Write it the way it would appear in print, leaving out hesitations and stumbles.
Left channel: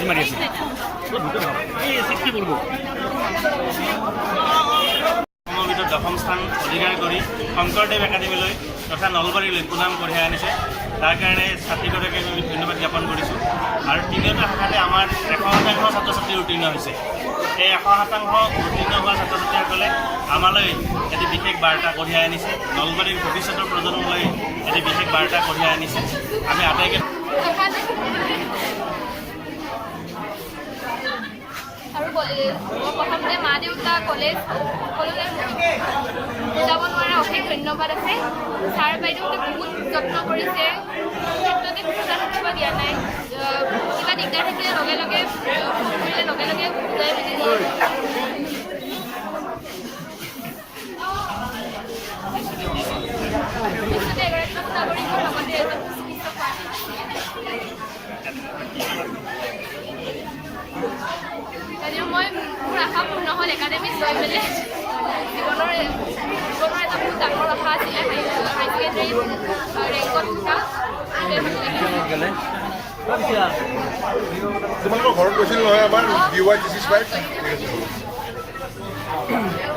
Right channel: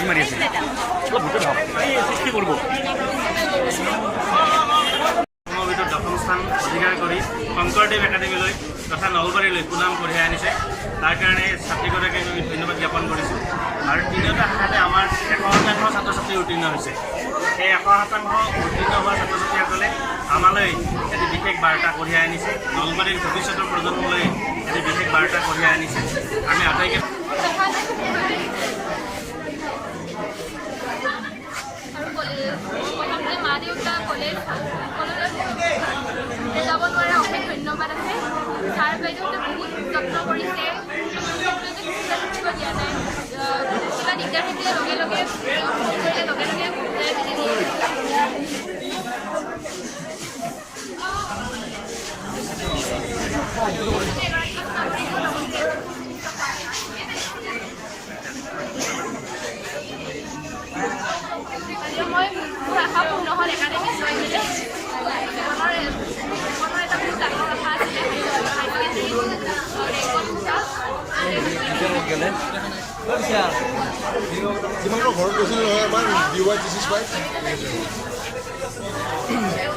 বুজি মাৰি আছে সমবেত দশম স্থান অধিকাৰ কৰি শংকৰদেৱ একাডেমীলৈ তথা নলবাৰীলৈ সুনাম কঢ়িয়াই আনিছে তাৰ কাৰণে ছাত্ৰীগৰাকীক আমি ধন্যবাদ জ্ঞাপন কৰিছোঁ আৰু তিনিওটা শাখাতে আমাৰ 100% ছাত্ৰ ছাত্ৰী উত্তীৰ্ণ হৈছে এই 100% উত্তীৰ্ণ হোৱা ছাত্ৰ ছাত্ৰীসকলে আমালৈ এটি বিশেষ বাৰ্তা কঢ়িয়াই আনিছে নলবাৰীৰ ভৱিষ্যতৰ প্ৰজন্মলৈ এটি বিশেষ বাৰ্তা কঢ়িয়াই আনিছে আমি আটাইকে আৰু প্ৰথমতে মা দেউতা কলেজ সকলোৰে বুজাব নোৱাৰা অশেষ ধন্যবাদ আছে ছাৰ বাইদেউহঁতে বহুত যত্ন কৰিছে ক্ষেত্ৰতে দিয়া নাই কিবা দিগদাৰ থাকিলে লগে লগে ফোন কৰিলে লগে লগে বুজাই মেলি দিয়ে এগৰাকী নাগৰিকৰ লগতে এজন মই মোৰ আশা পূৰ্ণ হ'ল একাডেমীত লৈ মেলি জীৱনৰ এটা বহুত ডাঙৰ আশা আছিলে হাই ছেকেণ্ডেৰী ৰেংকত থকা তোমালোকৰ ঘৰত গৈছিল নহয় এবাৰ DY 365